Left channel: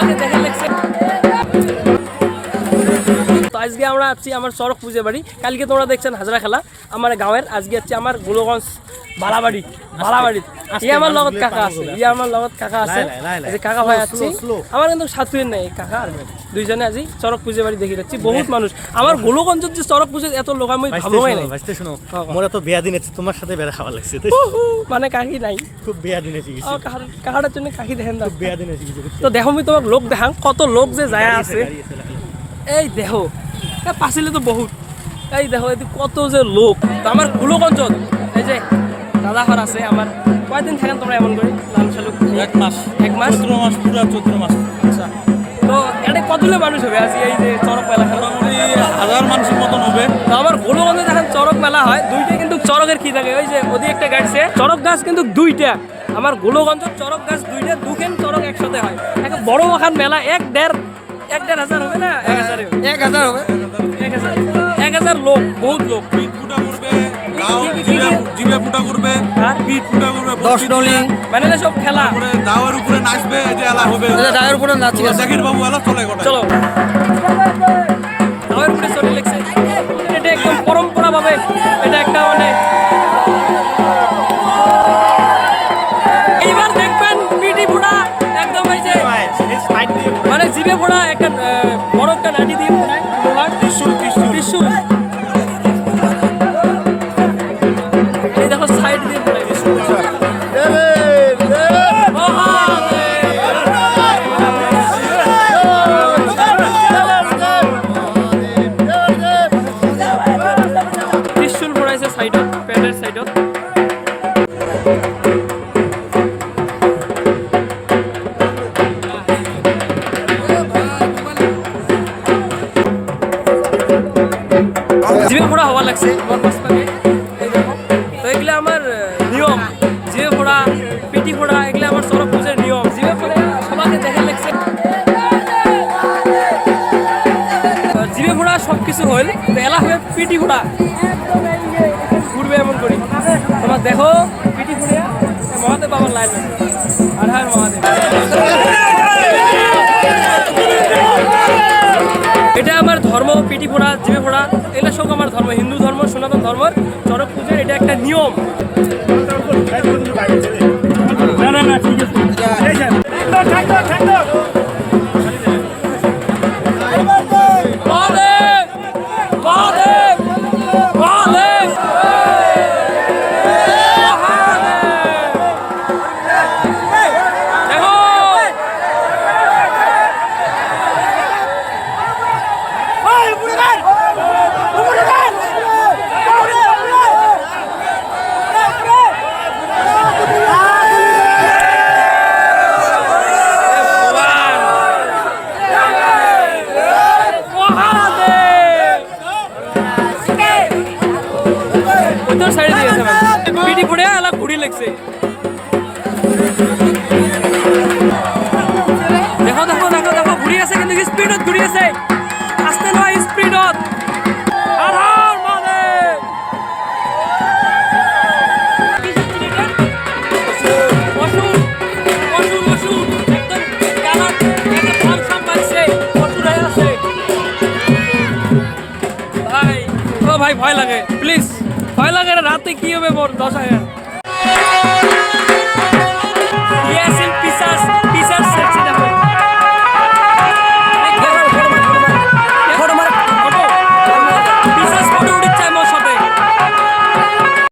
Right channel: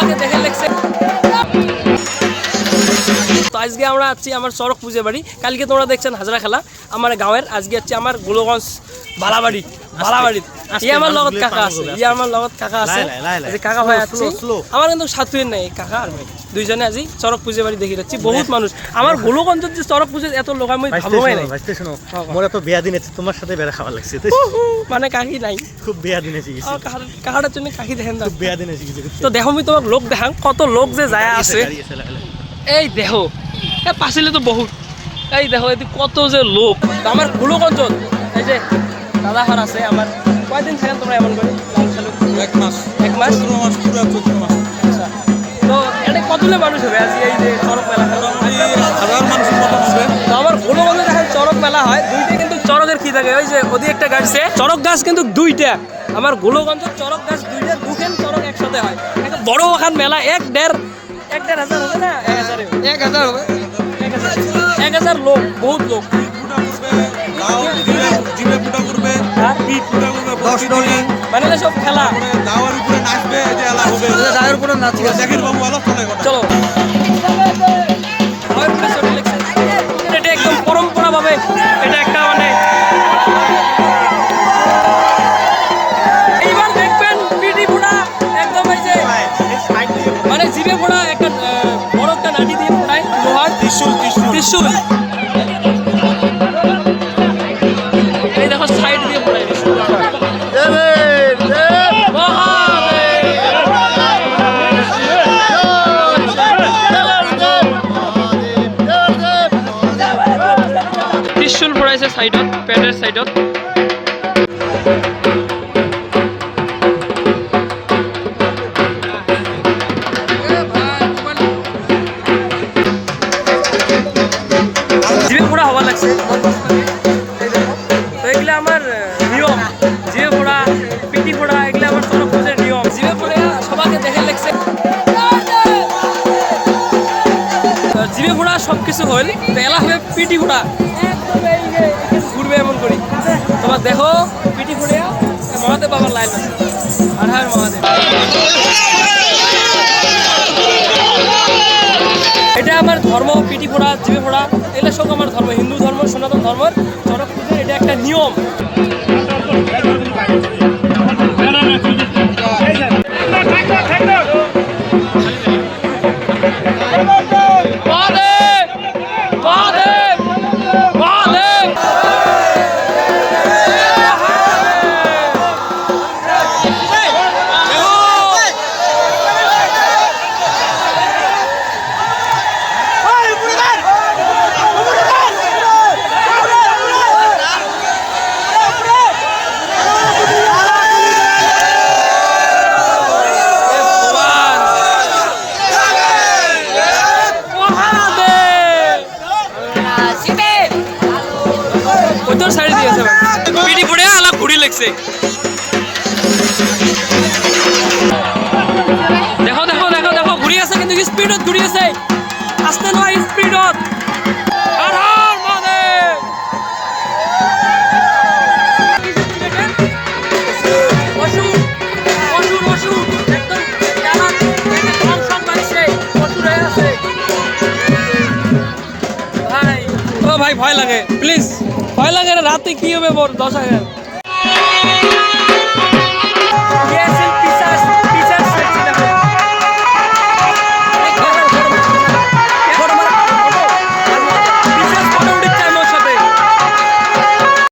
সবাইকে দেখে লাগছে। তো আজকে আমরা আছি আমার চরক পূজা বাড়ি। কালকে তোমরা দেখছেন হাজরা খেলা আমার গাঁয়ের। আজকে আছি আমার গোলগঞ্জ বালাবাড়ি। আমার লগত কাকা আছে, আমার লগত কাকা আছে, কাকা ভাই আছে। আমার কিন্তু সাথুয়ের নাই, কাকা আর ভাই দুইজনে আজি চরক পূজা বাড়ি দেখি যাচ্ছি। বহুত মানুষ আমার গোলগঞ্জের যে চরক পূজা এত লোক আমি ভালোই নাই। শোনো মোরা তো বিয়া দিন আছে, তোমার সাথে বেড়া খাওয়া লাগছে মানে কাকি নাই, খুব বিয়া দিন আছে কাকাটার জন্য কাকি দেখেন না, বিয়া দিন আছে। তো দেখো আমি তোমাক লোক দেখাম কত লোক যে যায় আছে। এই দেখো পাছিলে তো বহুত, এই দেখো এদি কত যে লোক। তো আমার গোলগঞ্জত এই যে দাদা ঘর আছে আমার। কয়দিন থাকেন তোমরা এমন করে লালু শালুক? এক মাস পুরো 14 মাস। আচ্ছা, তো এটা কতগুলো মানুষ হবে আজ এই যে চরক মেলা? 1000 মানুষের মতন হবে। তো আমার গোলগঞ্জে দেখেন চরক মেলা হয় দুইটা, কিন্তু চরকের কি থাকে ওই যে ওদি একটা গাছছে চরক গাছ কিন্তু দুইটা। আমার গোলগঞ্জের চরক গাছ দুইটা, দুখান চরক একসাথে হয়। বড় ওখান মেলা 1,500 হবে না? 1000 হবে। 1000 লোক, বহুত লোক। মানে সব খেলা দাওয়ার উপরে নাচবে, চলো দাওয়ার উপরে চলে লেগছে। এটা একদম পরম্পরা ভাবে এটা একটা মানে এইবার দেখবেন পিটি ফোড়া একদম এই যে মানে জিভে ফোড়া একটা বড় একটা নাটি দিয়ে ফোড়ায় ত্রিশূল। এই দেখো সাইড দিয়ে ফোড়ায় ত্রিশূল ফোড়াইছে সাইডত, পেটের সাইডত। জিভে ফোড়া হওয়া লাগছে এই দেখো। তো এগুলো আমার নিয়ম, জিভে ফোড়া পিটি ফোড়া এগুলো আমার চরক পূজার নিয়ম। জিভে ফোড়া সবাইকে দেখে লাগছে। জিভে ফোড়া সব কিছু হইল, তো এলা হবে পিটি ফোড়া একদম এই যে ঘুরবে এমন করি। তোমার দেখো পিটি ফোড়া মহাদেব বাবার লাইন আছে। আর হ্যাঁ মহাদেব, এটা আমার ধর্ম। পিটি ফোড়া জিভে ফোড়া এগুলো সব আমার ধর্ম, হিন্দু ধর্ম, সনাতন ধর্মের চরক পূজার এটা একটা নিয়ম। সাইড দিয়েছে পিটি পড়ে আলা ঘুরি লাগছে। দেখো দেখো দেখো দেখো ঘুরি আছে, কিন্তু স্পিডত ঘুরি আছে, আস্তে নয় স্পিডত। আর আর মানে অসুর অসুর অসুর একদম জানার একটা ধ্বংসান মারছে, অসুর হয়ে আছে ভাই। ও ভাই ভয় লাগে, প্লিজ ভয় লাগে। রাতে কি হবে মোর 10,000